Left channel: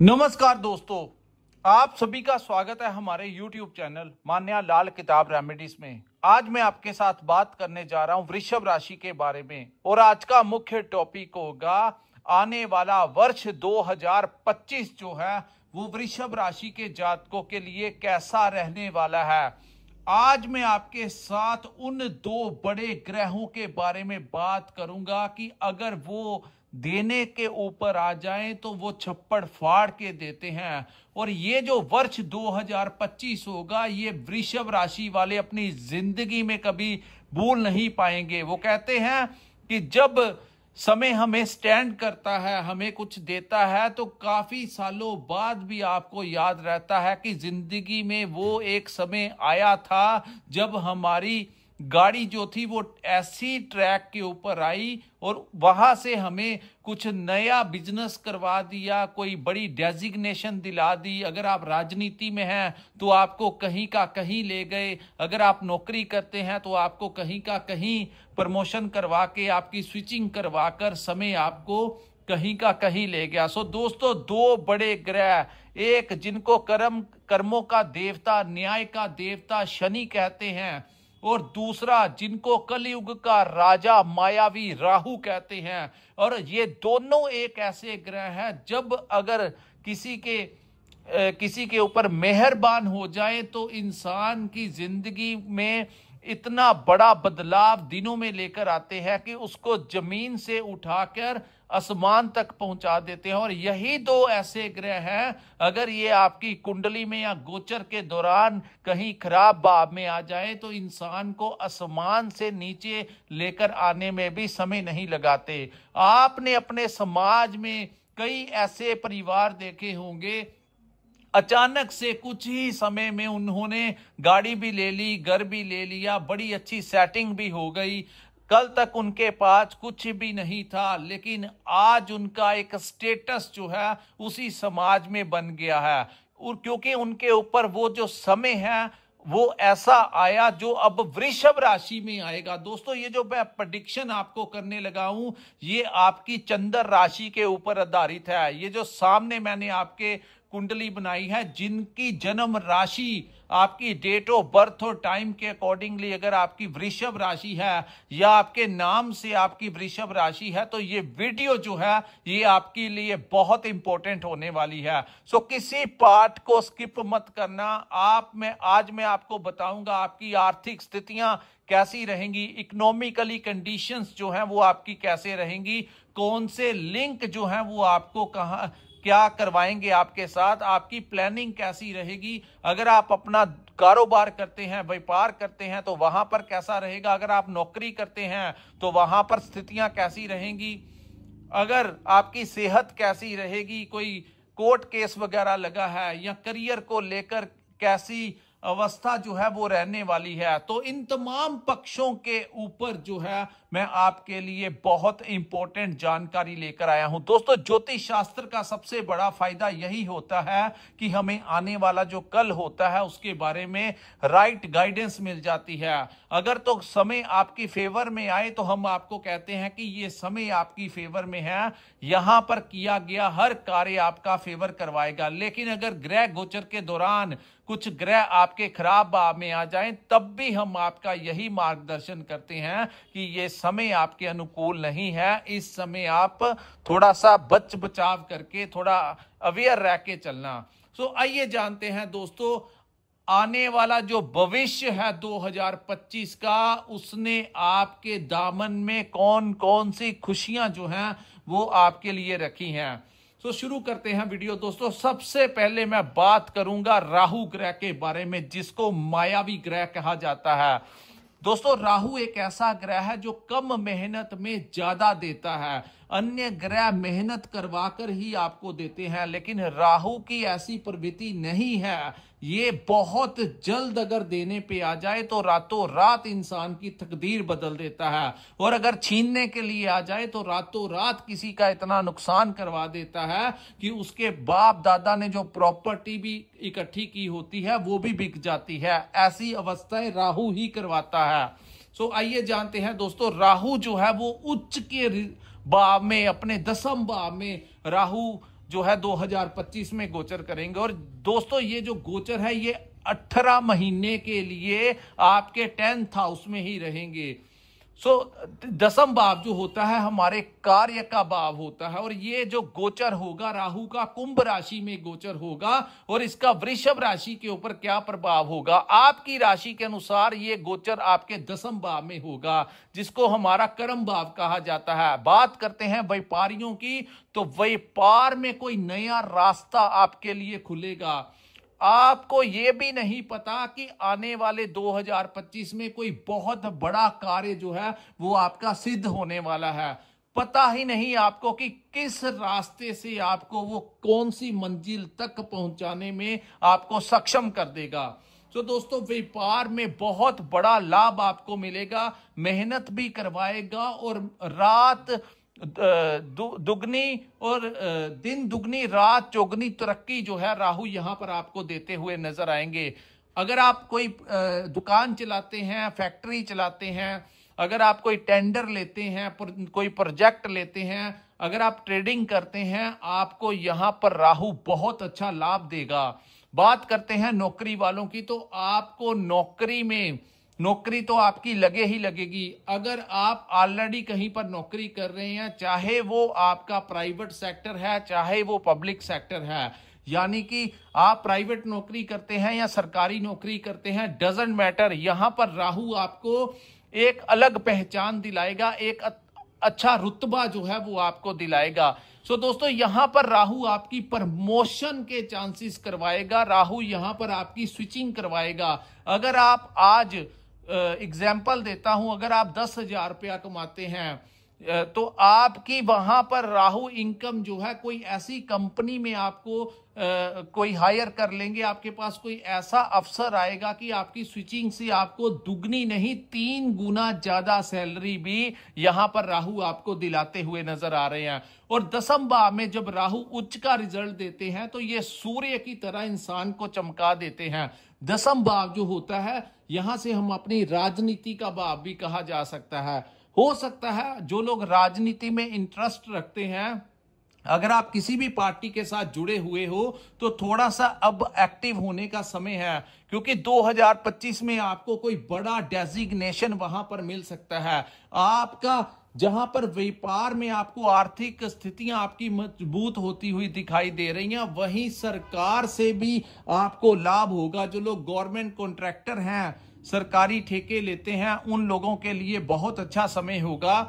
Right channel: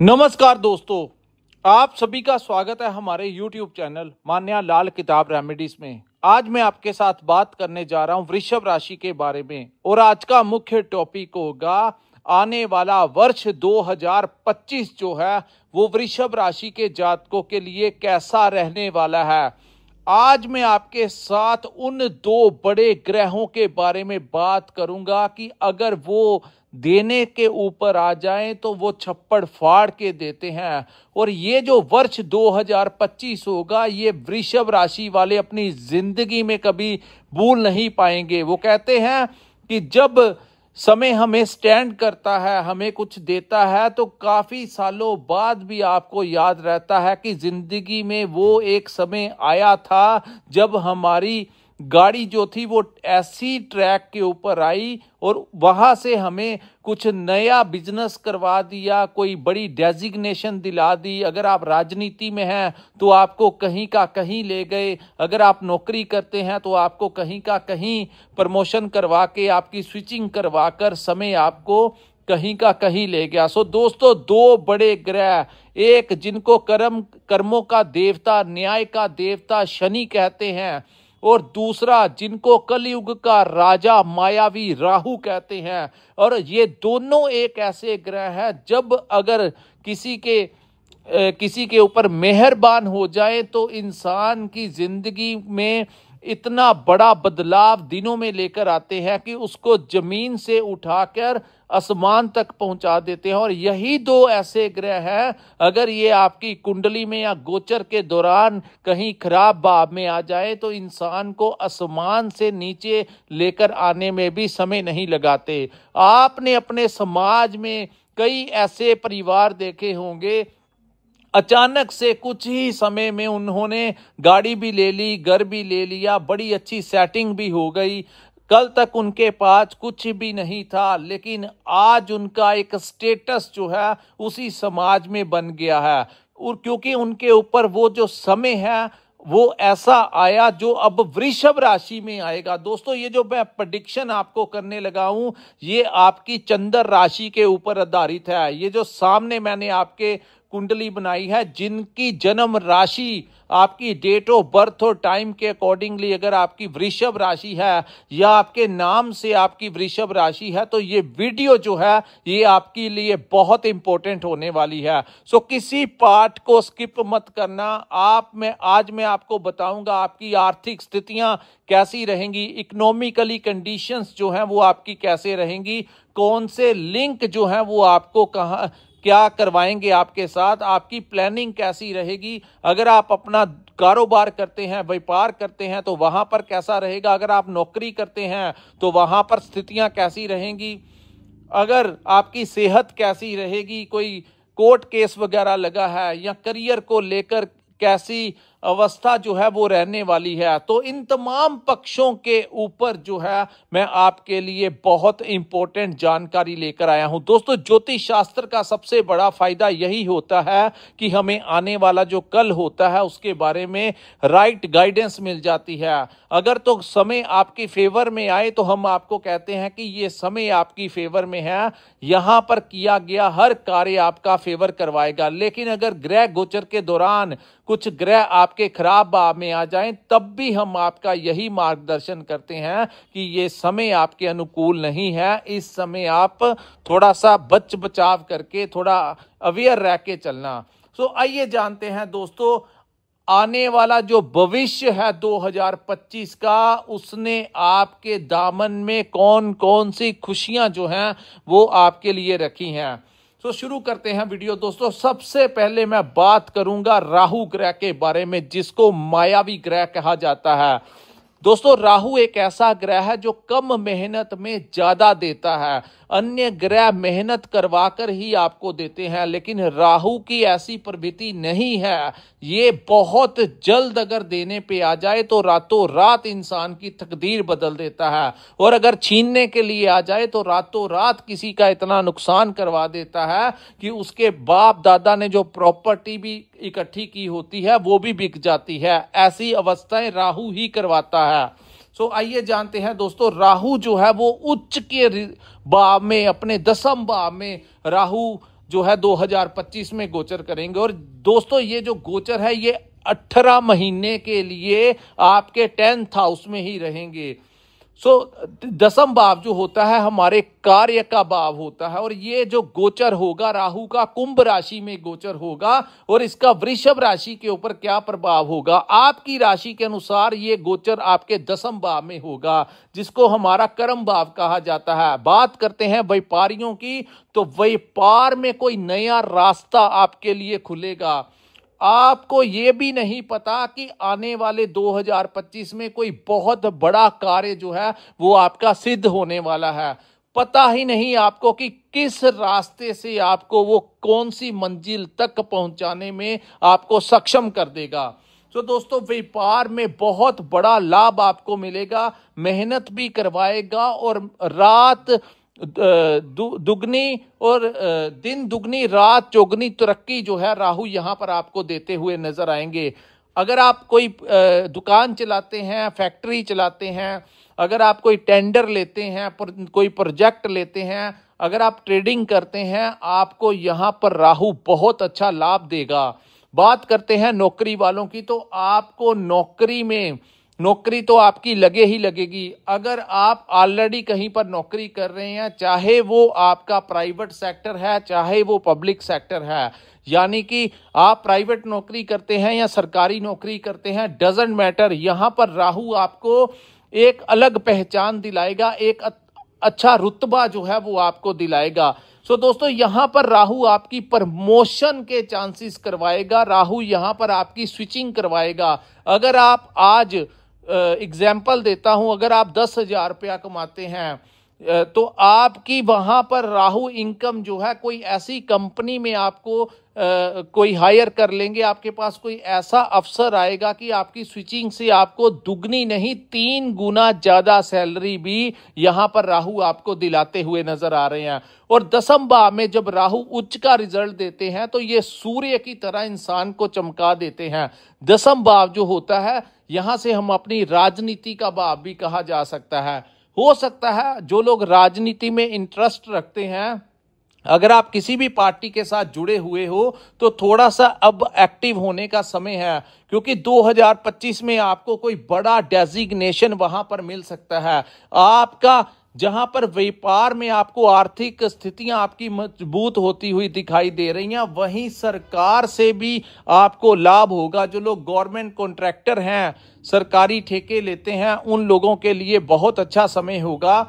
नमस्कार दोस्तों, आप सभी का स्वागत है हमारे YouTube चैनल मान्या लाल किताब रेमेडीज में। आज मैं आपके साथ बात करने जा रहा हूं वृषभ राशि के बारे में और आज का मुख्य टॉपिक होगा आने वाला वर्ष 2025 जो है वो वृषभ राशि के जातकों के लिए कैसा रहने वाला है। आज मैं आपके साथ उन दो बड़े ग्रहों के बारे में बात करूंगा कि अगर वो देने के ऊपर आ जाएं तो वो छप्पड़ फाड़ के देते हैं। और ये जो वर्ष 2025 होगा ये वृषभ राशि वाले अपनी जिंदगी में कभी भूल नहीं पाएंगे। वो कहते हैं कि जब समय हमें स्टैंड करता है, हमें कुछ देता है, तो काफी सालों बाद भी आपको याद रहता है कि जिंदगी में वो एक समय आया था जब हमारी गाड़ी जो थी वो ऐसी ट्रैक के ऊपर आई और वहां से हमें कुछ नया बिजनेस करवा दिया, कोई बड़ी डेजिग्नेशन दिला दी। अगर आप राजनीति में हैं तो आपको कहीं का कहीं ले गए, अगर आप नौकरी करते हैं तो आपको कहीं का कहीं प्रमोशन करवा के, आपकी स्विचिंग करवा कर समय आपको कहीं का कहीं ले गया। सो दोस्तों, दो बड़े ग्रह, एक जिनको कर्मों का देवता, न्याय का देवता शनि कहते हैं, और दूसरा जिनको कलयुग का राजा मायावी राहु कहते हैं। और ये दोनों एक ऐसे ग्रह हैं जब अगर किसी के ऊपर मेहरबान हो जाए तो इंसान की जिंदगी में इतना बड़ा बदलाव दिनों में लेकर आते हैं कि उसको जमीन से उठाकर आसमान तक पहुंचा देते हैं। और यही दो ऐसे ग्रह हैं, अगर ये आपकी कुंडली में या गोचर के दौरान कहीं खराब भाव में आ जाए तो इंसान को आसमान से नीचे लेकर आने में भी समय नहीं लगाते। आपने अपने समाज में कई ऐसे परिवार देखे होंगे, अचानक से कुछ ही समय में उन्होंने गाड़ी भी ले ली, घर भी ले लिया, बड़ी अच्छी सेटिंग भी हो गई। कल तक उनके पास कुछ भी नहीं था, लेकिन आज उनका एक स्टेटस जो है उसी समाज में बन गया है। और क्योंकि उनके ऊपर वो जो समय है वो ऐसा आया जो अब वृषभ राशि में आएगा। दोस्तों, ये जो मैं प्रेडिक्शन आपको करने लगा हूं ये आपकी चंद्र राशि के ऊपर आधारित है। ये जो सामने मैंने आपके कुंडली बनाई है, जिनकी जन्म राशि आपकी डेट ऑफ बर्थ और टाइम के अकॉर्डिंगली अगर आपकी वृषभ राशि है या आपके नाम से आपकी वृषभ राशि है तो ये वीडियो जो है ये आपके लिए बहुत इंपॉर्टेंट होने वाली है। सो किसी पार्ट को स्किप मत करना। आज मैं आपको बताऊंगा आपकी आर्थिक स्थितियां कैसी रहेंगी, इकोनॉमिकली कंडीशंस जो हैं वो आपकी कैसे रहेंगी, कौन से लिंक जो हैं वो आपको क्या करवाएंगे आपके साथ, आपकी प्लानिंग कैसी रहेगी। अगर आप अपना कारोबार करते हैं, व्यापार करते हैं तो वहां पर कैसा रहेगा, अगर आप नौकरी करते हैं तो वहां पर स्थितियां कैसी रहेंगी, अगर आपकी सेहत कैसी रहेगी, कोई कोर्ट केस वगैरह लगा है या करियर को लेकर कैसी अवस्था जो है वो रहने वाली है। तो इन तमाम पक्षों के ऊपर जो है मैं आपके लिए बहुत इंपॉर्टेंट जानकारी लेकर आया हूं। दोस्तों, ज्योतिष शास्त्र का सबसे बड़ा फायदा यही होता है कि हमें आने वाला जो कल होता है उसके बारे में राइट गाइडेंस मिल जाती है। अगर तो समय आपके फेवर में आए तो हम आपको कहते हैं कि ये समय आपकी फेवर में है, यहां पर किया गया हर कार्य आपका फेवर करवाएगा। लेकिन अगर ग्रह गोचर के दौरान कुछ ग्रह आपके खराब भाव में आ जाएं तब भी हम आपका यही मार्गदर्शन करते हैं कि ये समय आपके अनुकूल नहीं है। इस समय आप थोड़ा सा बचाव करके थोड़ा अवेयर रह के चलना। तो आइए जानते हैं दोस्तों, आने वाला जो भविष्य है 2025 का, उसने आपके दामन में कौन कौन सी खुशियां जो हैं वो आपके लिए रखी हैं। तो शुरू करते हैं वीडियो। दोस्तों, सबसे पहले मैं बात करूंगा राहु ग्रह के बारे में, जिसको मायावी ग्रह कहा जाता है। दोस्तों, राहु एक ऐसा ग्रह है जो कम मेहनत में ज्यादा देता है। अन्य ग्रह मेहनत करवाकर ही आपको देते हैं, लेकिन राहु की ऐसी प्रवृत्ति नहीं है। ये बहुत जल्द अगर देने पे आ जाए तो रातों रात इंसान की तकदीर बदल देता है, और अगर छीनने के लिए आ जाए तो रातों रात किसी का इतना नुकसान करवा देता है कि उसके बाप दादा ने जो प्रॉपर्टी भी इकट्ठी की होती है वो भी बिक जाती है। ऐसी अवस्थाएं राहु ही करवाता है। तो आइए जानते हैं दोस्तों, राहु जो है वो उच्च के भाव में, अपने 10वें भाव में राहु जो है 2025 में गोचर करेंगे। और दोस्तों ये जो गोचर है ये 18 महीने के लिए आपके 10th हाउस में ही रहेंगे। दसम भाव जो होता है हमारे कार्य का भाव होता है, और ये जो गोचर होगा राहु का कुंभ राशि में गोचर होगा, और इसका वृषभ राशि के ऊपर क्या प्रभाव होगा, आपकी राशि के अनुसार ये गोचर आपके दसम भाव में होगा, जिसको हमारा कर्म भाव कहा जाता है। बात करते हैं व्यापारियों की, तो व्यापार में कोई नया रास्ता आपके लिए खुलेगा। आपको ये भी नहीं पता कि आने वाले 2025 में कोई बहुत बड़ा कार्य जो है वो आपका सिद्ध होने वाला है। पता ही नहीं आपको कि किस रास्ते से आपको वो कौन सी मंजिल तक पहुंचाने में आपको सक्षम कर देगा। तो दोस्तों व्यापार में बहुत बड़ा लाभ आपको मिलेगा, मेहनत भी करवाएगा, और रात दुगनी और दिन दुगनी रात चौगनी तरक्की जो है राहु यहां पर आपको देते हुए नजर आएंगे। अगर आप कोई दुकान चलाते हैं, फैक्ट्री चलाते हैं, अगर आप कोई टेंडर लेते हैं, कोई प्रोजेक्ट लेते हैं, अगर आप ट्रेडिंग करते हैं, आपको यहां पर राहु बहुत अच्छा लाभ देगा। बात करते हैं नौकरी वालों की, तो आपको नौकरी तो आपकी लगे ही लगेगी। अगर आप ऑलरेडी कहीं पर नौकरी कर रहे हैं, चाहे वो आपका प्राइवेट सेक्टर है चाहे वो पब्लिक सेक्टर है, यानी कि आप प्राइवेट नौकरी करते हैं या सरकारी नौकरी करते हैं, डजंट मैटर, यहां पर राहु आपको एक अलग पहचान दिलाएगा, एक अच्छा रुतबा जो है वो आपको दिलाएगा। दोस्तों यहां पर राहु आपकी प्रमोशन के चांसेस करवाएगा, राहु यहां पर आपकी स्विचिंग करवाएगा। अगर आप आज एग्जाम्पल देता हूं, अगर आप 10,000 रुपया कमाते हैं तो आपकी वहां पर राहु इनकम जो है कोई ऐसी कंपनी में आपको कोई हायर कर लेंगे, आपके पास कोई ऐसा अफसर आएगा कि आपकी स्विचिंग से आपको दुगनी नहीं 3 गुना ज्यादा सैलरी भी यहां पर राहु आपको दिलाते हुए नजर आ रहे हैं। और दसम भाव में जब राहु उच्च का रिजल्ट देते हैं तो ये सूर्य की तरह इंसान को चमका देते हैं। दसम भाव जो होता है यहां से हम अपनी राजनीति का भाव भी कहा जा सकता है। हो सकता है जो लोग राजनीति में इंटरेस्ट रखते हैं, अगर आप किसी भी पार्टी के साथ जुड़े हुए हो तो थोड़ा सा अब एक्टिव होने का समय है, क्योंकि 2025 में आपको कोई बड़ा डेजिग्नेशन वहां पर मिल सकता है। आपका जहां पर व्यापार में आपको आर्थिक स्थितियां आपकी मजबूत होती हुई दिखाई दे रही हैं, वहीं सरकार से भी आपको लाभ होगा। जो लोग गवर्नमेंट कॉन्ट्रैक्टर हैं, सरकारी ठेके लेते हैं, उन लोगों के लिए बहुत अच्छा समय होगा।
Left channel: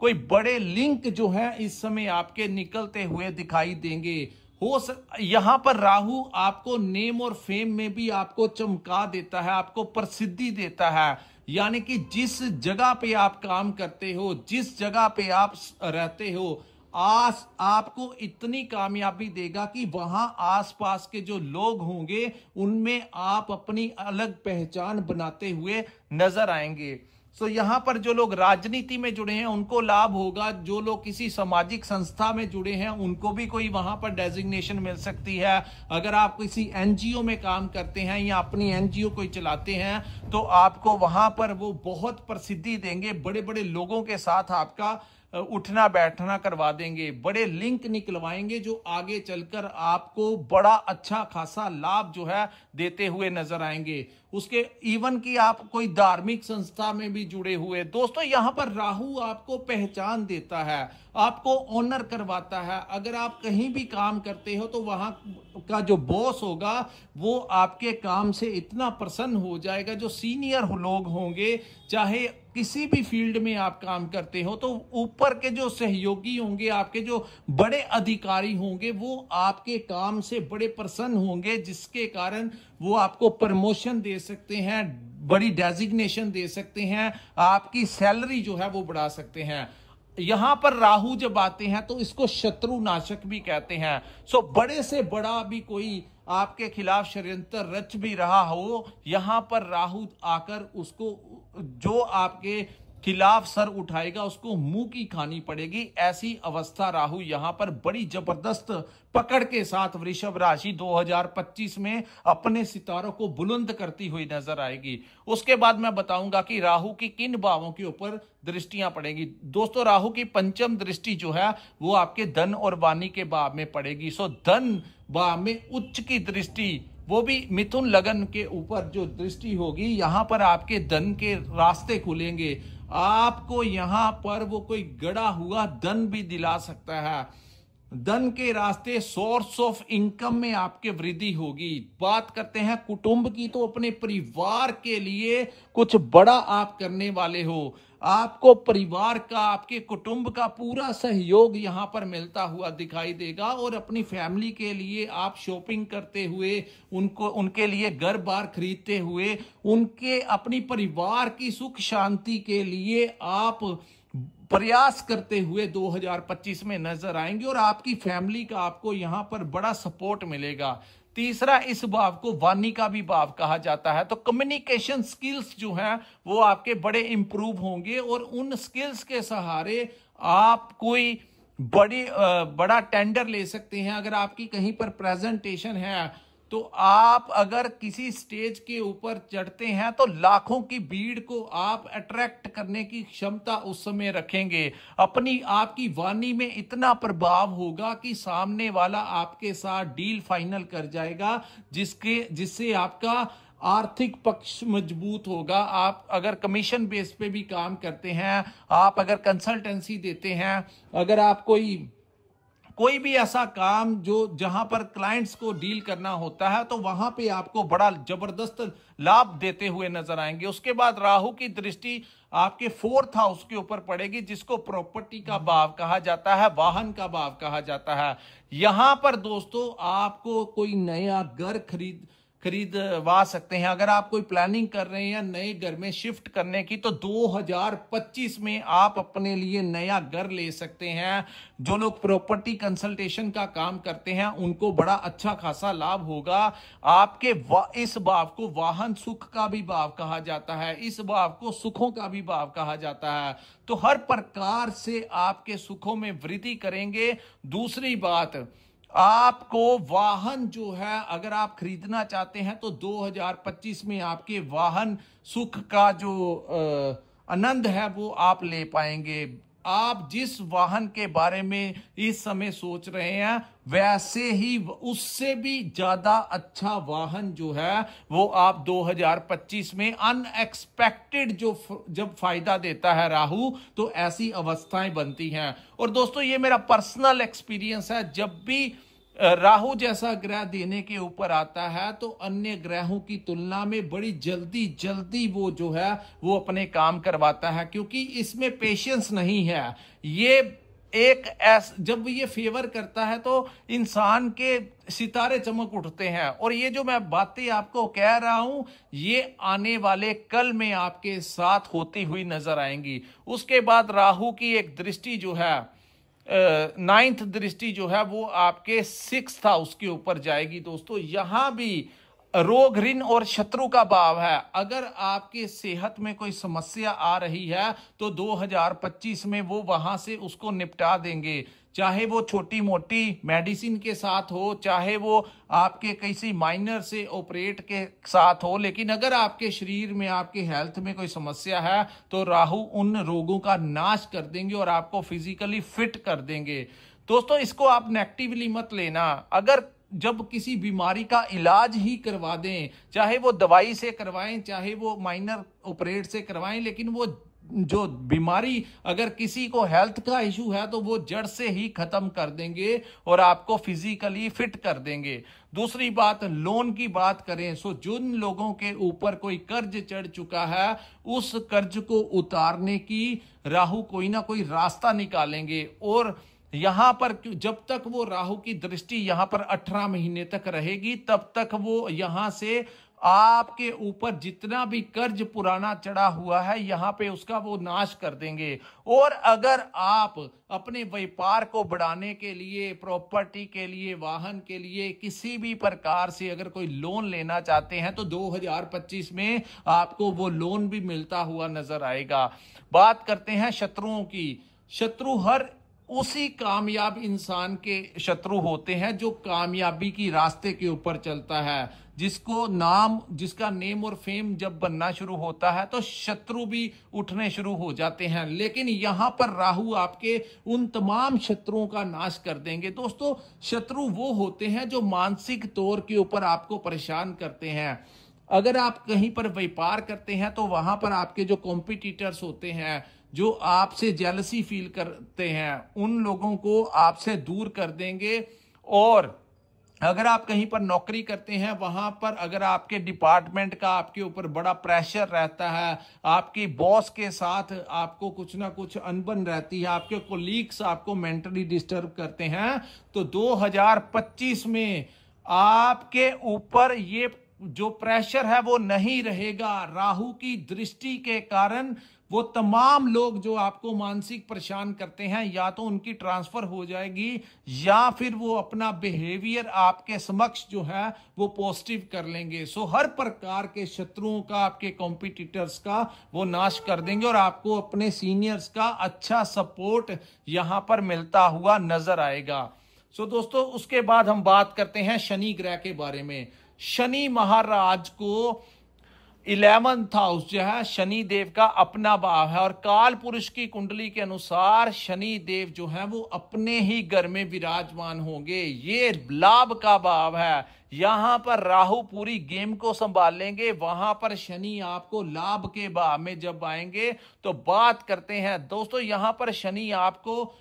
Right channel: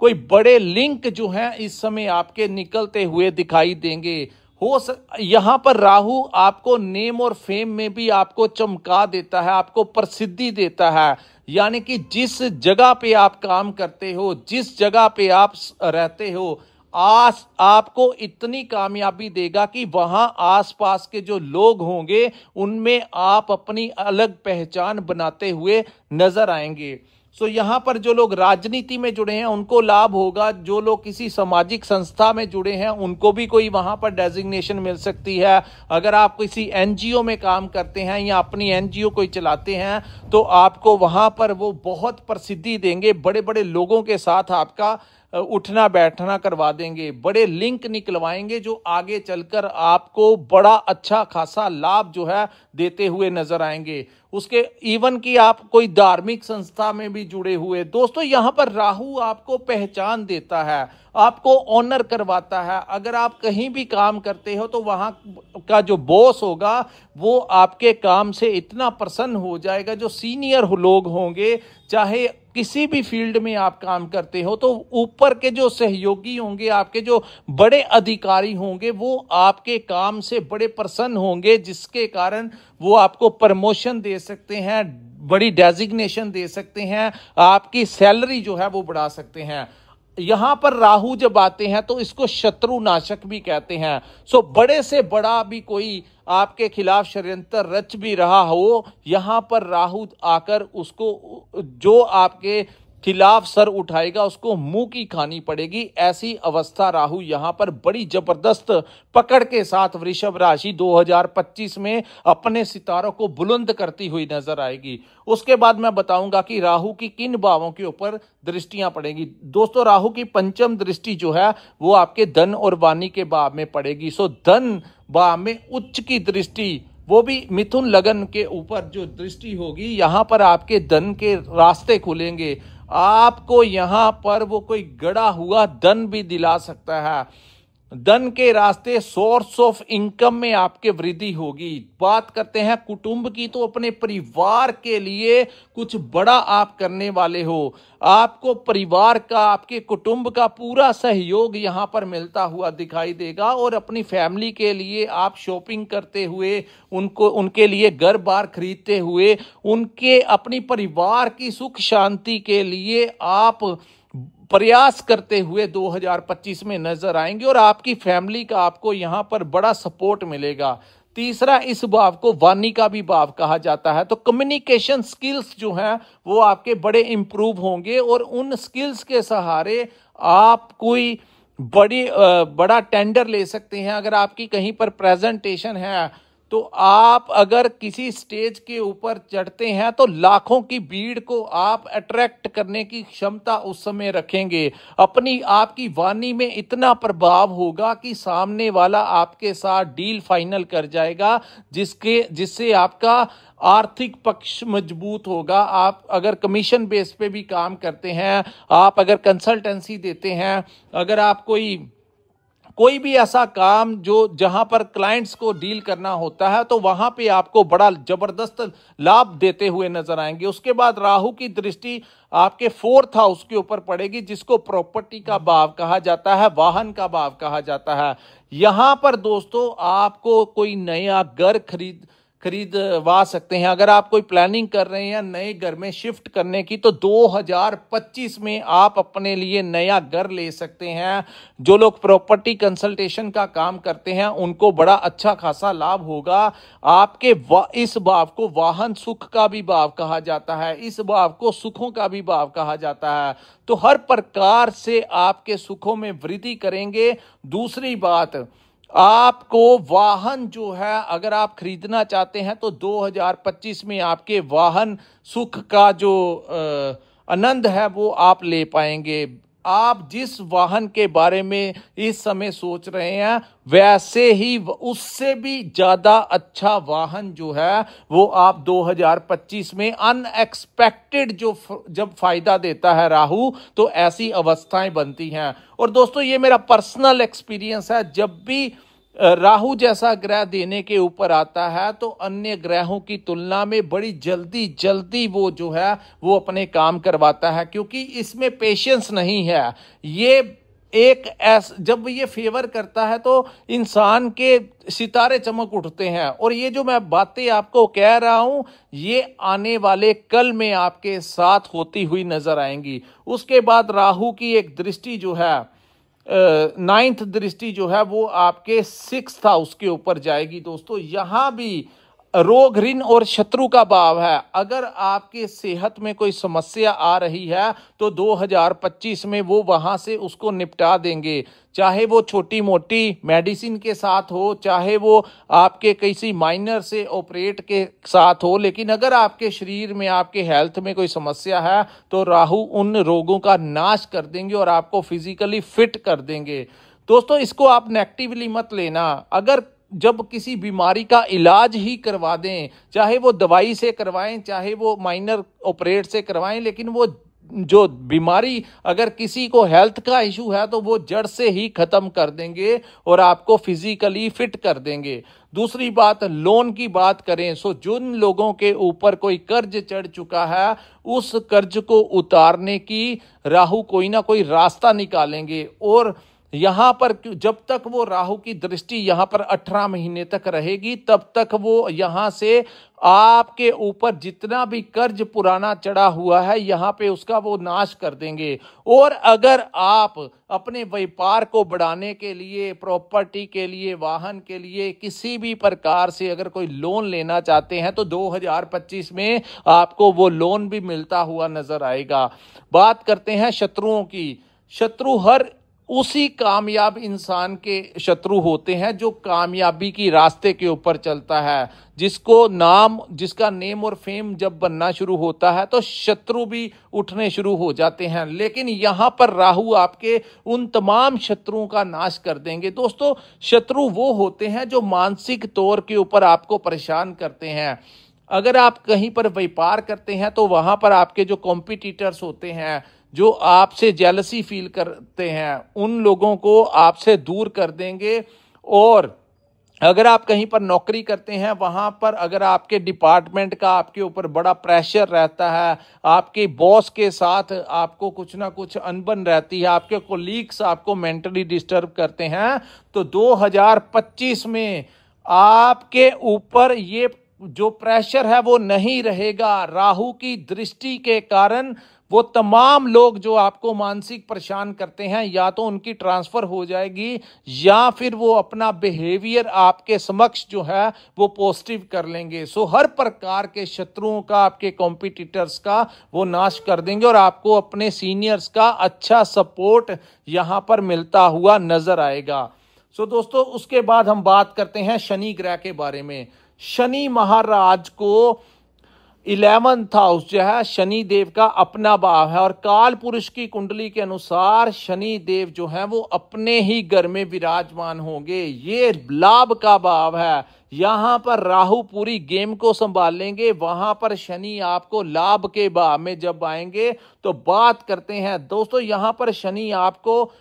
कोई बड़े लिंक जो हैं इस समय आपके निकलते हुए दिखाई देंगे। यहां पर राहु आपको नेम और फेम में भी आपको चमका देता है, आपको प्रसिद्धि देता है। यानी कि जिस जगह पे आप काम करते हो, जिस जगह पे आप रहते हो, आपको इतनी कामयाबी देगा कि वहां आसपास के जो लोग होंगे उनमें आप अपनी अलग पहचान बनाते हुए नजर आएंगे। यहां पर जो लोग राजनीति में जुड़े हैं उनको लाभ होगा, जो लोग किसी सामाजिक संस्था में जुड़े हैं उनको भी कोई वहां पर डेजिग्नेशन मिल सकती है। अगर आप किसी एनजीओ में काम करते हैं या अपनी एनजीओ कोई चलाते हैं तो आपको वहां पर वो बहुत प्रसिद्धि देंगे, बड़े बड़े लोगों के साथ आपका उठना बैठना करवा देंगे, बड़े लिंक निकलवाएंगे जो आगे चलकर आपको बड़ा अच्छा खासा लाभ जो है देते हुए नजर आएंगे। उसके इवन कि आप कोई धार्मिक संस्था में भी जुड़े हुए, दोस्तों यहां पर राहु आपको पहचान देता है, आपको ऑनर करवाता है। अगर आप कहीं भी काम करते हो तो वहां का जो बॉस होगा वो आपके काम से इतना प्रसन्न हो जाएगा, जो सीनियर लोग होंगे, चाहे किसी भी फील्ड में आप काम करते हो, तो ऊपर के जो सहयोगी होंगे, आपके जो बड़े अधिकारी होंगे, वो आपके काम से बड़े प्रसन्न होंगे, जिसके कारण वो आपको प्रमोशन दे सकते हैं, बड़ी डेजिग्नेशन दे सकते हैं, आपकी सैलरी जो है वो बढ़ा सकते हैं। यहां पर राहु जब आते हैं तो इसको शत्रु नाशक भी कहते हैं। बड़े से बड़ा भी कोई आपके खिलाफ षड्यंत्र रच भी रहा हो, यहां पर राहु आकर उसको, जो आपके खिलाफ सर उठाएगा उसको मुंह की खानी पड़ेगी। ऐसी अवस्था राहु यहां पर बड़ी जबरदस्त पकड़ के साथ वृषभ राशि 2025 में अपने सितारों को बुलंद करती हुई नजर आएगी। उसके बाद मैं बताऊंगा कि राहु की किन भावों के ऊपर दृष्टियां पड़ेगी। दोस्तों, राहु की पंचम दृष्टि जो है वो आपके धन और वाणी के भाव में पड़ेगी। सो धन भाव में उच्च की दृष्टि, वो भी मिथुन लगन के ऊपर जो दृष्टि होगी, यहां पर आपके धन के रास्ते खुलेंगे। आपको यहां पर वो कोई गड़ा हुआ धन भी दिला सकता है। धन के रास्ते, सोर्स ऑफ इनकम में आपके वृद्धि होगी। बात करते हैं कुटुंब की, तो अपने परिवार के लिए कुछ बड़ा आप करने वाले हो। आपको परिवार का, आपके कुटुंब का पूरा सहयोग यहां पर मिलता हुआ दिखाई देगा। और अपनी फैमिली के लिए आप शॉपिंग करते हुए, उनके लिए घर बार खरीदते हुए, उनके अपनी परिवार की सुख शांति के लिए आप प्रयास करते हुए 2025 में नजर आएंगे। और आपकी फैमिली का आपको यहां पर बड़ा सपोर्ट मिलेगा। तीसरा, इस भाव को वाणी का भी भाव कहा जाता है। तो कम्युनिकेशन स्किल्स जो हैं वो आपके बड़े इंप्रूव होंगे, और उन स्किल्स के सहारे आप कोई बड़ा टेंडर ले सकते हैं। अगर आपकी कहीं पर प्रेजेंटेशन है, तो आप अगर किसी स्टेज के ऊपर चढ़ते हैं तो लाखों की भीड़ को आप अट्रैक्ट करने की क्षमता उस समय रखेंगे। आपकी वाणी में इतना प्रभाव होगा कि सामने वाला आपके साथ डील फाइनल कर जाएगा, जिससे आपका आर्थिक पक्ष मजबूत होगा। आप अगर कमीशन बेस पे भी काम करते हैं, आप अगर कंसल्टेंसी देते हैं, अगर आप कोई भी ऐसा काम जहां पर क्लाइंट्स को डील करना होता है, तो वहां पे आपको बड़ा जबरदस्त लाभ देते हुए नजर आएंगे। उसके बाद राहु की दृष्टि आपके 4th हाउस के ऊपर पड़ेगी, जिसको प्रॉपर्टी का भाव कहा जाता है, वाहन का भाव कहा जाता है। यहां पर दोस्तों आपको कोई नया घर खरीदवा सकते हैं। अगर आप कोई प्लानिंग कर रहे हैं नए घर में शिफ्ट करने की, तो 2025 में आप अपने लिए नया घर ले सकते हैं। जो लोग प्रॉपर्टी कंसल्टेशन का काम करते हैं उनको बड़ा अच्छा खासा लाभ होगा। आपके इस भाव को वाहन सुख का भी भाव कहा जाता है, इस भाव को सुखों का भी भाव कहा जाता है। तो हर प्रकार से आपके सुखों में वृद्धि करेंगे। दूसरी बात, आपको वाहन जो है अगर आप खरीदना चाहते हैं, तो 2025 में आपके वाहन सुख का जो आनंद है वो आप ले पाएंगे। आप जिस वाहन के बारे में इस समय सोच रहे हैं, वैसे ही उससे भी ज्यादा अच्छा वाहन जो है वो आप 2025 में अनएक्सपेक्टेड जब फायदा देता है राहु, तो ऐसी अवस्थाएं बनती हैं। और दोस्तों, ये मेरा पर्सनल एक्सपीरियंस है, जब भी राहु जैसा ग्रह देने के ऊपर आता है, तो अन्य ग्रहों की तुलना में बड़ी जल्दी वो जो है वो अपने काम करवाता है, क्योंकि इसमें पेशेंस नहीं है। जब ये फेवर करता है तो इंसान के सितारे चमक उठते हैं। और ये जो मैं बातें आपको कह रहा हूं, ये आने वाले कल में आपके साथ होती हुई नजर आएंगी। उसके बाद राहु की एक दृष्टि जो है, 9th दृष्टि जो है वो आपके 6th हाउस के ऊपर जाएगी। दोस्तों, यहां भी रोग, ऋण और शत्रु का भाव है। अगर आपके सेहत में कोई समस्या आ रही है, तो 2025 में वो वहां से उसको निपटा देंगे। चाहे वो छोटी मोटी मेडिसिन के साथ हो, चाहे वो आपके किसी माइनर से ऑपरेट के साथ हो, लेकिन अगर आपके शरीर में, आपके हेल्थ में कोई समस्या है, तो राहु उन रोगों का नाश कर देंगे और आपको फिजिकली फिट कर देंगे। दोस्तों, इसको आप नेगेटिवली मत लेना। अगर जब किसी बीमारी का इलाज ही करवा दें, चाहे वो दवाई से करवाएं, चाहे वो माइनर ऑपरेट से करवाएं, लेकिन वो जो बीमारी अगर किसी को हेल्थ का इशू है, तो वो जड़ से ही खत्म कर देंगे और आपको फिजिकली फिट कर देंगे। दूसरी बात, लोन की बात करें, सो जिन लोगों के ऊपर कोई कर्ज चढ़ चुका है, उस कर्ज को उतारने की राहु कोई ना कोई रास्ता निकालेंगे। और यहां पर जब तक वो राहु की दृष्टि यहां पर 18 महीने तक रहेगी, तब तक वो यहां से आपके ऊपर जितना भी कर्ज पुराना चढ़ा हुआ है, यहां पे उसका वो नाश कर देंगे। और अगर आप अपने व्यापार को बढ़ाने के लिए, प्रॉपर्टी के लिए, वाहन के लिए, किसी भी प्रकार से अगर कोई लोन लेना चाहते हैं, तो 2025 में आपको वो लोन भी मिलता हुआ नजर आएगा। बात करते हैं शत्रुओं की। शत्रु हर उसी कामयाब इंसान के शत्रु होते हैं जो कामयाबी की रास्ते के ऊपर चलता है। जिसका नेम और फेम जब बनना शुरू होता है तो शत्रु भी उठने शुरू हो जाते हैं। लेकिन यहां पर राहु आपके उन तमाम शत्रुओं का नाश कर देंगे। दोस्तों, शत्रु वो होते हैं जो मानसिक तौर के ऊपर आपको परेशान करते हैं। अगर आप कहीं पर व्यापार करते हैं तो वहां पर आपके जो कॉम्पिटिटर्स होते हैं, जो आपसे जेलसी फील करते हैं, उन लोगों को आपसे दूर कर देंगे। और अगर आप कहीं पर नौकरी करते हैं, वहां पर अगर आपके डिपार्टमेंट का आपके ऊपर बड़ा प्रेशर रहता है, आपके बॉस के साथ आपको कुछ ना कुछ अनबन रहती है, आपके कोलीग्स आपको मेंटली डिस्टर्ब करते हैं, तो 2025 में आपके ऊपर ये जो प्रेशर है वो नहीं रहेगा। राहु की दृष्टि के कारण वो तमाम लोग जो आपको मानसिक परेशान करते हैं, या तो उनकी ट्रांसफर हो जाएगी या फिर वो अपना बिहेवियर आपके समक्ष जो है वो पॉजिटिव कर लेंगे। सो हर प्रकार के शत्रुओं का, आपके कॉम्पिटिटर्स का वो नाश कर देंगे और आपको अपने सीनियर्स का अच्छा सपोर्ट यहां पर मिलता हुआ नजर आएगा। सो दोस्तों, उसके बाद हम बात करते हैं शनि ग्रह के बारे में। शनि महाराज को 11th हाउस जो है शनि देव का अपना भाव है, और काल पुरुष की कुंडली के अनुसार शनि देव जो है वो अपने ही घर में विराजमान होंगे। ये लाभ का भाव है। यहां पर राहु पूरी गेम को संभालेंगे, वहां पर शनि आपको लाभ के भाव में जब आएंगे तो बात करते हैं। दोस्तों, यहां पर शनि आपको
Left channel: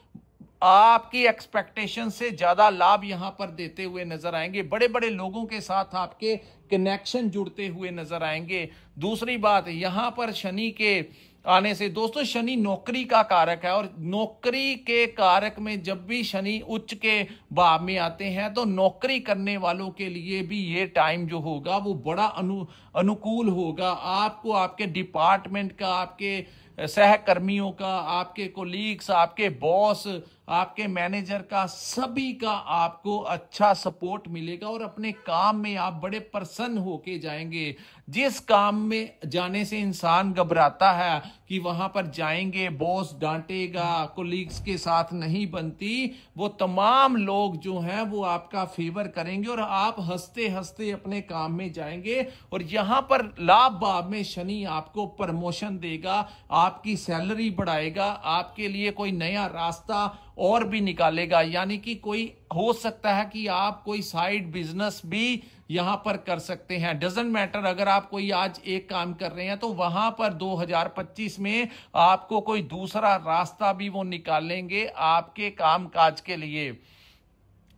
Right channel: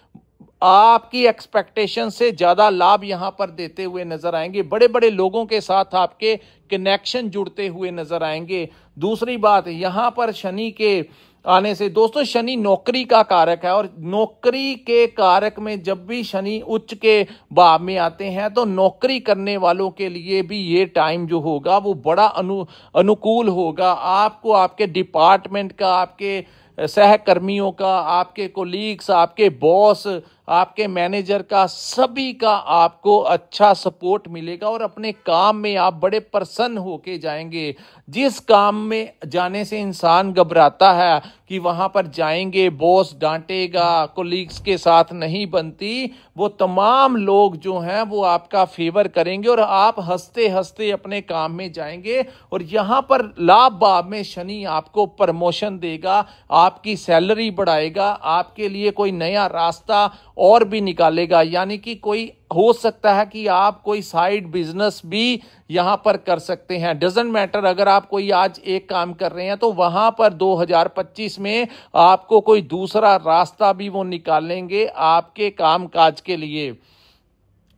आपकी एक्सपेक्टेशन से ज्यादा लाभ यहां पर देते हुए नजर आएंगे। बड़े बड़े लोगों के साथ आपके कनेक्शन जुड़ते हुए नजर आएंगे। दूसरी बात, यहां पर शनि के आने से दोस्तों, शनि नौकरी का कारक है, और नौकरी के कारक में जब भी शनि उच्च के भाव में आते हैं तो नौकरी करने वालों के लिए भी ये टाइम जो होगा वो बड़ा अनुकूल होगा। आपको आपके डिपार्टमेंट का, आपके सहकर्मियों का, आपके कोलीग्स, आपके बॉस, आपके मैनेजर का, सभी का आपको अच्छा सपोर्ट मिलेगा और अपने काम में आप बड़े प्रसन्न होके जाएंगे। जिस काम में जाने से इंसान घबराता है कि वहां पर जाएंगे बॉस डांटेगा, कोलीग्स के साथ नहीं बनती, वो तमाम लोग जो हैं वो आपका फेवर करेंगे और आप हंसते हंसते अपने काम में जाएंगे। और यहां पर लाभ भाव में शनि आपको प्रमोशन देगा, आपकी सैलरी बढ़ाएगा, आपके लिए कोई नया रास्ता और भी निकालेगा। यानी कि कोई हो सकता है कि आप कोई साइड बिजनेस भी यहां पर कर सकते हैं। डजंट मैटर, अगर आप कोई आज एक काम कर रहे हैं तो वहां पर 2025 में आपको कोई दूसरा रास्ता भी वो निकालेंगे आपके काम काज के लिए।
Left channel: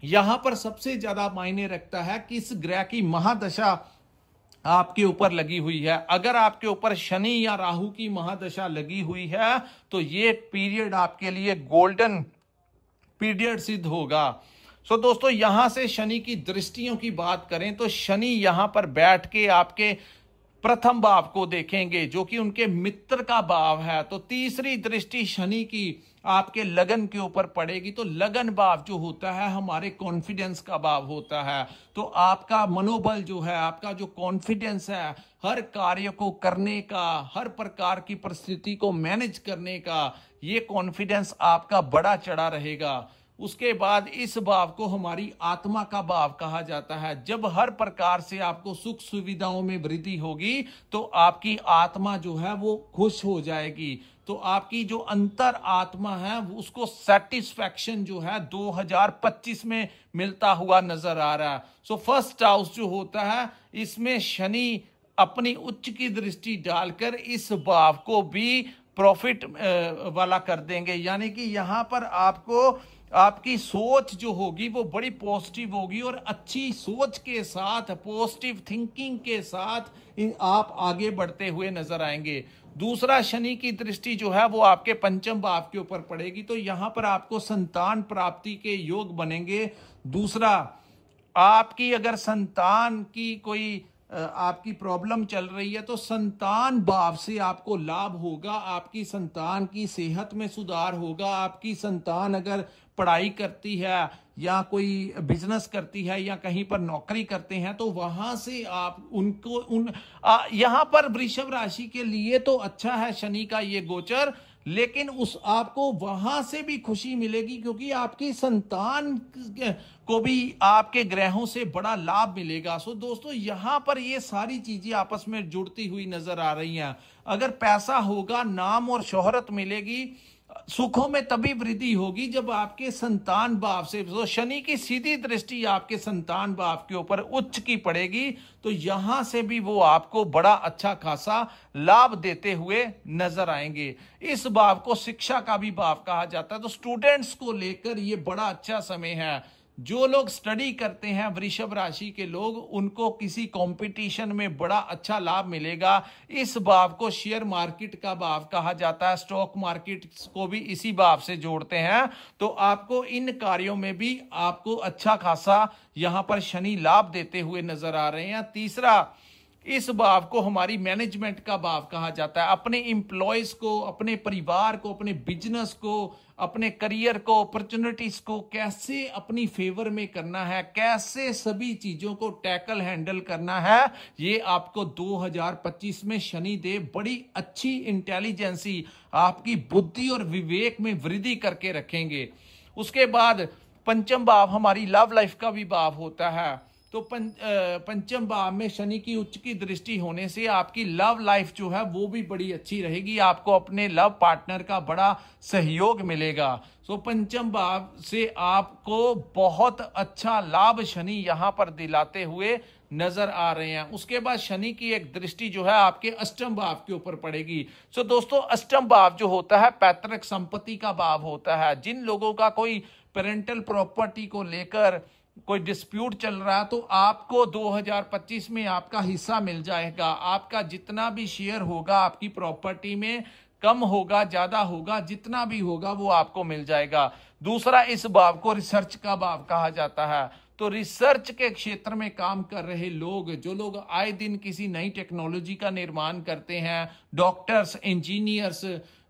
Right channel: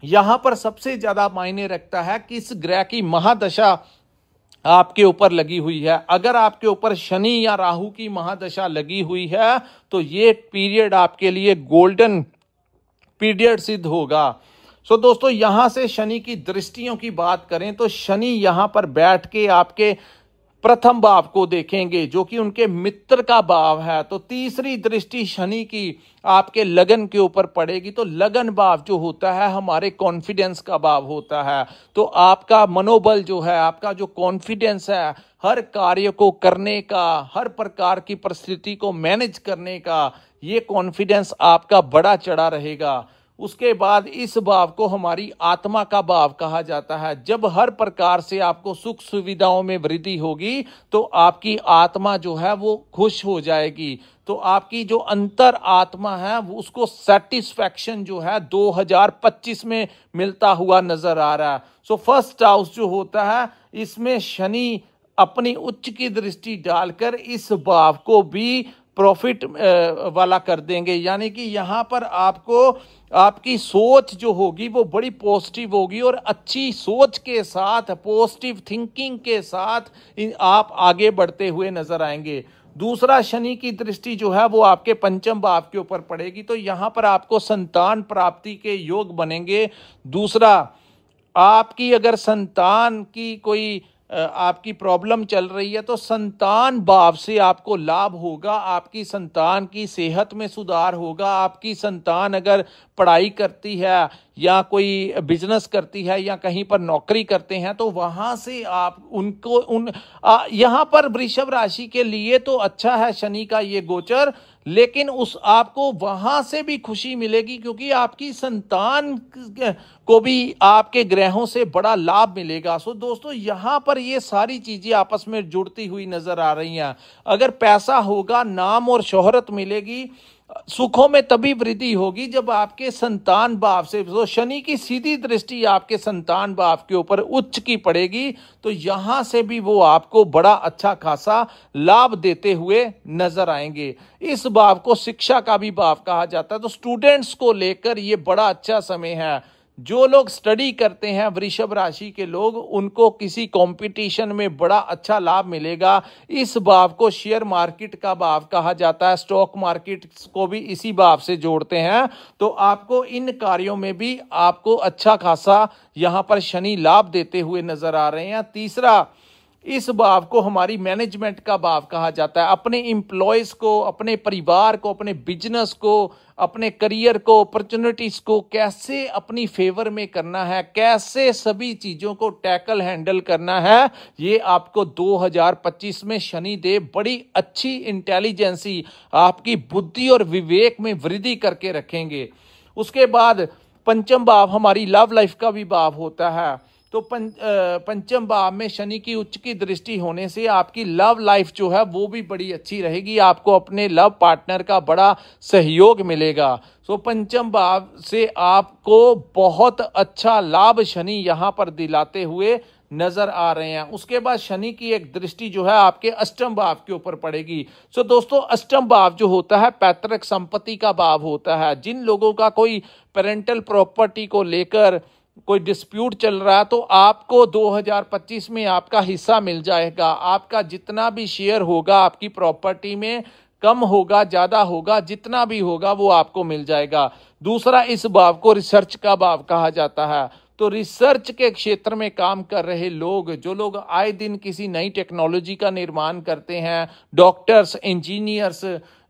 यहां पर सबसे ज्यादा मायने रखता है कि इस ग्रह की महादशा आपके ऊपर लगी हुई है। अगर आपके ऊपर शनि या राहु की महादशा लगी हुई है तो ये पीरियड आपके लिए गोल्डन पीरियड सिद्ध होगा। सो दोस्तों, यहां से शनि की दृष्टियों की बात करें तो शनि यहां पर बैठ के आपके प्रथम भाव को देखेंगे जो कि उनके मित्र का भाव है। तो तीसरी दृष्टि शनि की आपके लगन के ऊपर पड़ेगी। तो लगन भाव जो होता है हमारे कॉन्फिडेंस का भाव होता है। तो आपका मनोबल जो है, आपका जो कॉन्फिडेंस है हर कार्य को करने का, हर प्रकार की परिस्थिति को मैनेज करने का, ये कॉन्फिडेंस आपका बड़ा चढ़ा रहेगा। उसके बाद इस भाव को हमारी आत्मा का भाव कहा जाता है। जब हर प्रकार से आपको सुख सुविधाओं में वृद्धि होगी तो आपकी आत्मा जो है वो खुश हो जाएगी। तो आपकी जो अंतर आत्मा है उसको सेटिस्फैक्शन जो है 2025 में मिलता हुआ नजर आ रहा है। सो फर्स्ट हाउस जो होता है इसमें शनि अपनी उच्च की दृष्टि डालकर इस भाव को भी प्रॉफिट वाला कर देंगे। यानी कि यहां पर आपको आपकी सोच जो होगी वो बड़ी पॉजिटिव होगी और अच्छी सोच के साथ, पॉजिटिव थिंकिंग के साथ आप आगे बढ़ते हुए नजर आएंगे। दूसरा, शनि की दृष्टि जो है वो आपके पंचम भाव के ऊपर पड़ेगी। तो यहां पर आपको संतान प्राप्ति के योग बनेंगे। दूसरा, आपकी अगर संतान की कोई आपकी प्रॉब्लम चल रही है तो संतान भाव से आपको लाभ होगा, आपकी संतान की सेहत में सुधार होगा। आपकी संतान अगर पढ़ाई करती है या कोई बिजनेस करती है या कहीं पर नौकरी करते हैं तो वहां से आप उनको यहां पर वृषभ राशि के लिए तो अच्छा है शनि का ये गोचर, लेकिन उस आपको वहां से भी खुशी मिलेगी क्योंकि आपकी संतान को भी आपके ग्रहों से बड़ा लाभ मिलेगा। सो दोस्तों यहां पर ये सारी चीजें आपस में जुड़ती हुई नजर आ रही हैं। अगर पैसा होगा, नाम और शोहरत मिलेगी, सुखों में तभी वृद्धि होगी जब आपके संतान भाव से, तो शनि की सीधी दृष्टि आपके संतान भाव के ऊपर उच्च की पड़ेगी, तो यहां से भी वो आपको बड़ा अच्छा खासा लाभ देते हुए नजर आएंगे। इस भाव को शिक्षा का भी भाव कहा जाता है, तो स्टूडेंट्स को लेकर ये बड़ा अच्छा समय है। जो लोग स्टडी करते हैं वृषभ राशि के लोग, उनको किसी कंपटीशन में बड़ा अच्छा लाभ मिलेगा। इस भाव को शेयर मार्केट का भाव कहा जाता है, स्टॉक मार्केट को भी इसी भाव से जोड़ते हैं, तो आपको इन कार्यों में भी आपको अच्छा खासा यहां पर शनि लाभ देते हुए नजर आ रहे हैं। तीसरा, इस भाव को हमारी मैनेजमेंट का भाव कहा जाता है। अपने एम्प्लॉयज को, अपने परिवार को, अपने बिजनेस को, अपने करियर को, अपॉर्चुनिटीज को कैसे अपनी फेवर में करना है, कैसे सभी चीजों को टैकल हैंडल करना है, ये आपको 2025 में शनिदेव बड़ी अच्छी इंटेलिजेंसी, आपकी बुद्धि और विवेक में वृद्धि करके रखेंगे। उसके बाद पंचम भाव हमारी लव लाइफ का भी भाव होता है, तो पंचम भाव में शनि की उच्च की दृष्टि होने से आपकी लव लाइफ जो है वो भी बड़ी अच्छी रहेगी। आपको अपने लव पार्टनर का बड़ा सहयोग मिलेगा। तो पंचम भाव से आपको बहुत अच्छा लाभ शनि यहां पर दिलाते हुए नजर आ रहे हैं। उसके बाद शनि की एक दृष्टि जो है आपके अष्टम भाव के ऊपर पड़ेगी। तो दोस्तों अष्टम भाव जो होता है पैतृक संपत्ति का भाव होता है। जिन लोगों का कोई पेरेंटल प्रॉपर्टी को लेकर कोई डिस्प्यूट चल रहा है, तो आपको 2025 में आपका हिस्सा मिल जाएगा। आपका जितना भी शेयर होगा आपकी प्रॉपर्टी में, कम होगा ज्यादा होगा, जितना भी होगा वो आपको मिल जाएगा। दूसरा, इस भाव को रिसर्च का भाव कहा जाता है, तो रिसर्च के क्षेत्र में काम कर रहे लोग, जो लोग आए दिन किसी नई टेक्नोलॉजी का निर्माण करते हैं, डॉक्टर्स, इंजीनियर्स,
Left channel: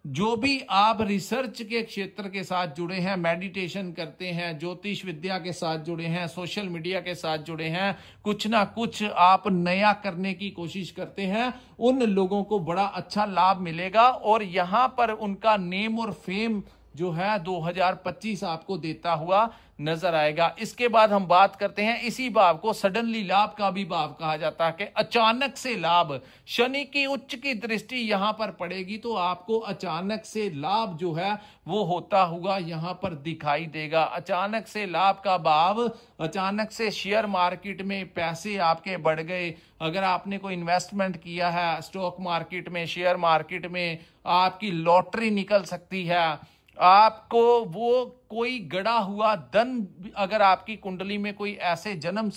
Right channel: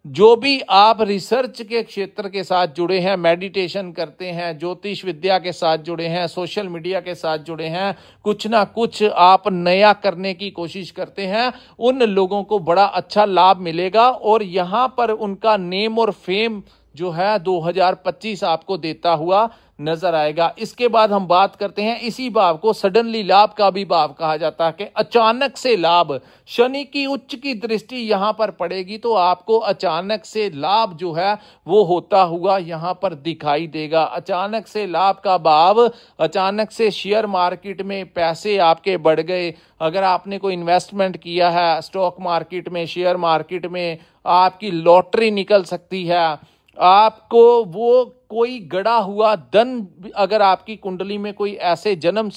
जो भी आप रिसर्च के क्षेत्र के साथ जुड़े हैं, मेडिटेशन करते हैं, ज्योतिष विद्या के साथ जुड़े हैं, सोशल मीडिया के साथ जुड़े हैं, कुछ ना कुछ आप नया करने की कोशिश करते हैं, उन लोगों को बड़ा अच्छा लाभ मिलेगा और यहां पर उनका नेम और फेम जो है 2025 आपको देता हुआ नजर आएगा। इसके बाद हम बात करते हैं, इसी भाव को सडनली लाभ का भी भाव कहा जाता है कि अचानक से लाभ। शनि की उच्च की दृष्टि यहां पर पड़ेगी तो आपको अचानक से लाभ जो है वो होता हुआ यहां पर दिखाई देगा। अचानक से लाभ का भाव, अचानक से शेयर मार्केट में पैसे आपके बढ़ गए, अगर आपने कोई इन्वेस्टमेंट किया है स्टॉक मार्केट में, शेयर मार्केट में, आपकी लॉटरी निकल सकती है। आपको वो कोई गड़ा हुआ धन, अगर आपकी कुंडली में कोई ऐसे जन्म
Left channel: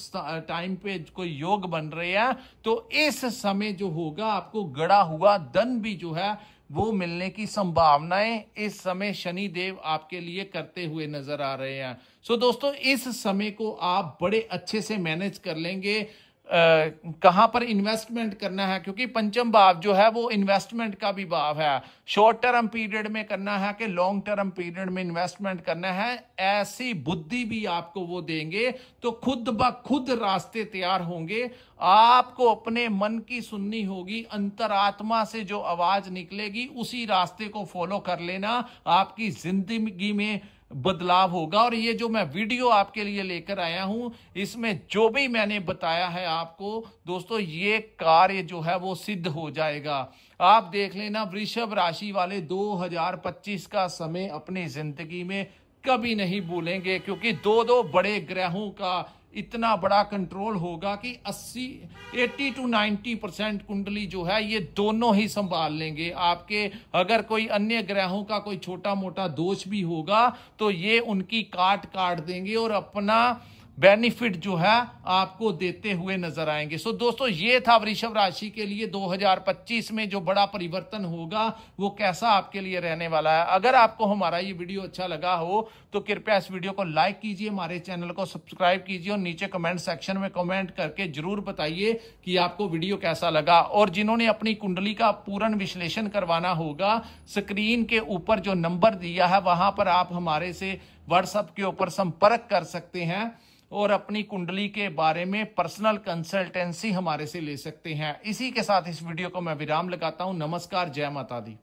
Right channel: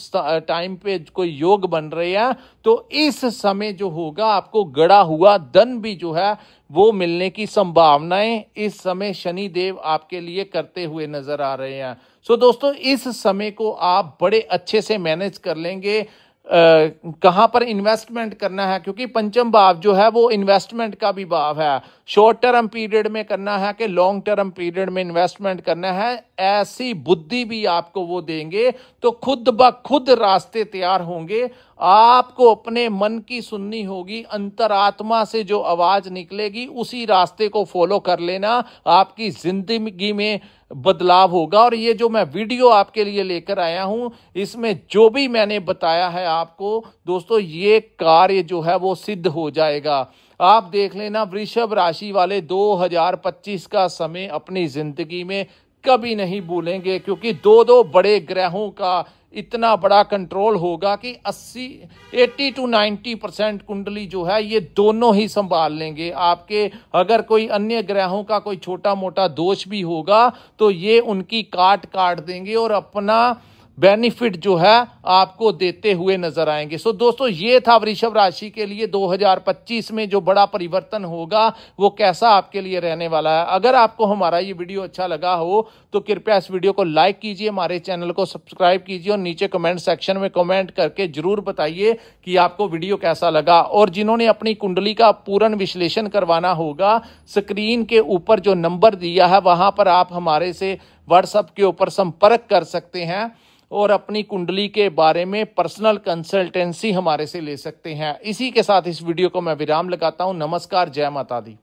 टाइम पे कोई योग बन रहे हैं, तो इस समय जो होगा आपको गड़ा हुआ धन भी जो है वो मिलने की संभावनाएं इस समय शनि देव आपके लिए करते हुए नजर आ रहे हैं। सो दोस्तों इस समय को आप बड़े अच्छे से मैनेज कर लेंगे। कहां पर इन्वेस्टमेंट करना है, क्योंकि पंचम भाव जो है वो इन्वेस्टमेंट का भी भाव है। शॉर्ट टर्म पीरियड में करना है कि लॉन्ग टर्म पीरियड में इन्वेस्टमेंट करना है, ऐसी बुद्धि भी आपको वो देंगे, तो खुद ब खुद रास्ते तैयार होंगे। आपको अपने मन की सुननी होगी, अंतरात्मा से जो आवाज निकलेगी उसी रास्ते को फॉलो कर लेना, आपकी जिंदगी में बदलाव होगा। और ये जो मैं वीडियो आपके लिए लेकर आया हूं, इसमें जो भी मैंने बताया है आपको दोस्तों, ये कार्य जो है वो सिद्ध हो जाएगा। आप देख लेना, वृषभ राशि वाले 2025 का समय अपनी जिंदगी में कभी नहीं भूलेंगे, क्योंकि दो बड़े ग्रहों का इतना बड़ा कंट्रोल होगा कि 80 to 90% कुंडली जो है ये दोनों ही संभाल लेंगे आपके। अगर कोई अन्य ग्रहों का कोई छोटा मोटा दोष भी होगा तो ये उनकी काट देंगे और अपना बेनिफिट जो है आपको देते हुए नजर आएंगे। सो दोस्तों ये था वृषभ राशि के लिए 2025 में जो बड़ा परिवर्तन होगा वो कैसा आपके लिए रहने वाला है। अगर आपको हमारा ये वीडियो अच्छा लगा हो तो कृपया इस वीडियो को लाइक कीजिए, हमारे चैनल को सब्सक्राइब कीजिए और नीचे कमेंट सेक्शन में कमेंट करके जरूर बताइए कि आपको वीडियो कैसा लगा। और जिन्होंने अपनी कुंडली का पूर्ण विश्लेषण करवाना होगा, स्क्रीन के ऊपर जो नंबर दिया है वहां पर आप हमारे से व्हाट्सएप के ऊपर संपर्क कर सकते हैं और अपनी कुंडली के बारे में पर्सनल कंसल्टेंसी हमारे से ले सकते हैं। इसी के साथ इस वीडियो को मैं विराम लगाता हूं। नमस्कार, जय माता दी।